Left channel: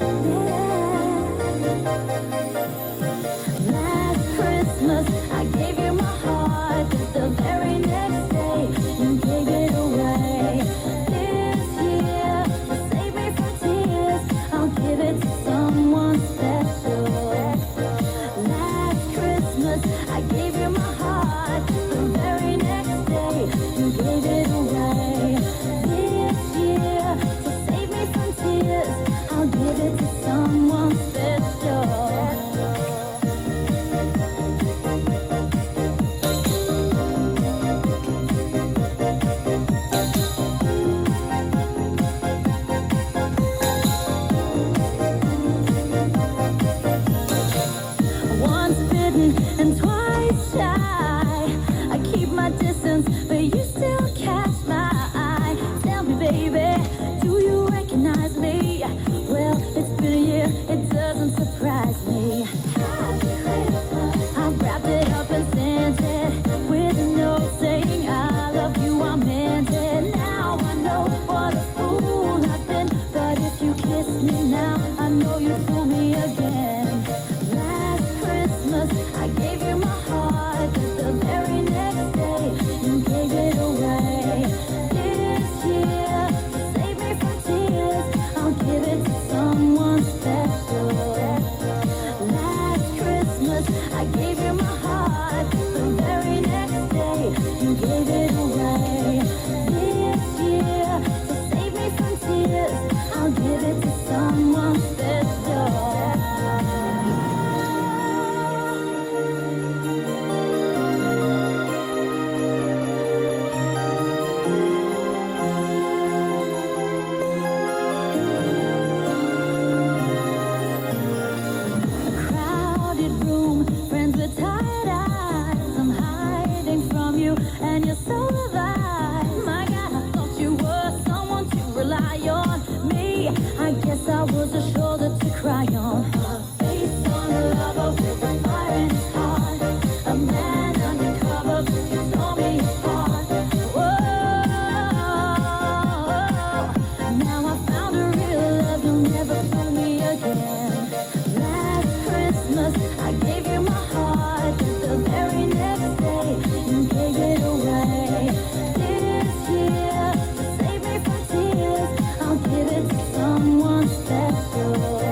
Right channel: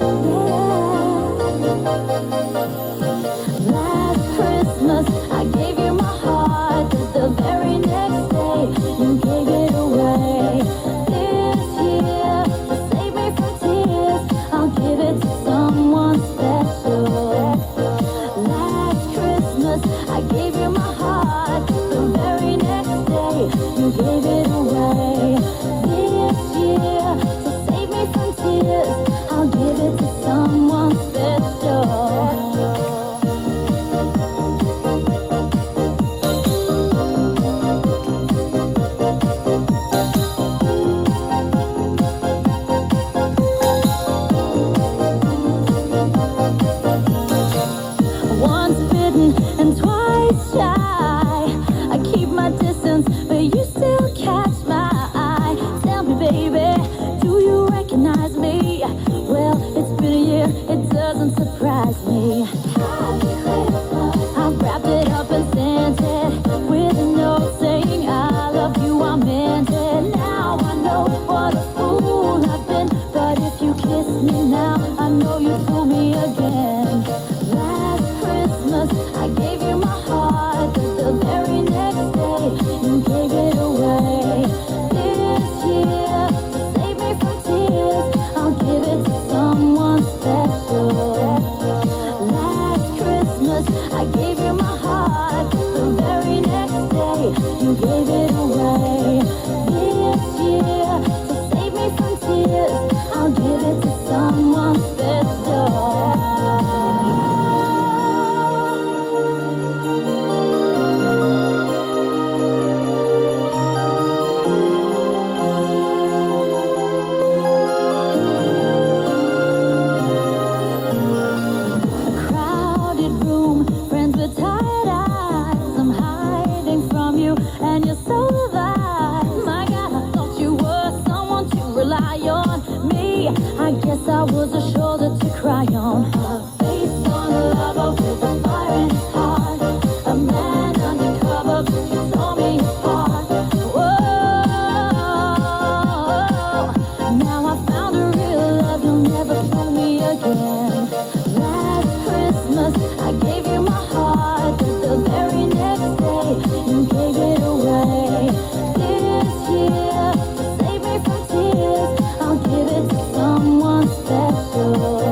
Last Christmas, I gave you my heart, but the very next day, you gave it away. This year, to save me from tears, I'll give it to someone special. Last Christmas, I gave you my heart, the very next day, you gave it away. This year, to save me from tears, I'll give it to someone special. Once bitten and twice shy. I keep my distance, but you still catch my eye. Tell me, baby, do you recognize me? Well, it's been a year, it doesn't surprise me. I wrapped it up and sent it with a note saying I love you, I meant it. Now I know what a fool I've been, but if you kiss me now, I know you fool me again. Last Christmas, I gave you my heart, but the very next day, you gave it away. This year, to save me from tears, I'll give it to someone special. Last Christmas, I gave you my heart, but the very next day, you gave it away. This year, to save me from tears, I'll give it to someone special. Crowded room, friends with tired eyes. I'm hiding from you, and you're so alive. My God, I thought you were someone to rely on. Me, I guess I was a shoulder to cry on. Face on a lover with a fire in his heart. A man undercover, you tore me apart. Whoa, now I found a real love, you'll never fool me again. Last Christmas, I gave you my heart, but the very next day, you gave it away. This year, to save me from tears, I'll give it to someone special.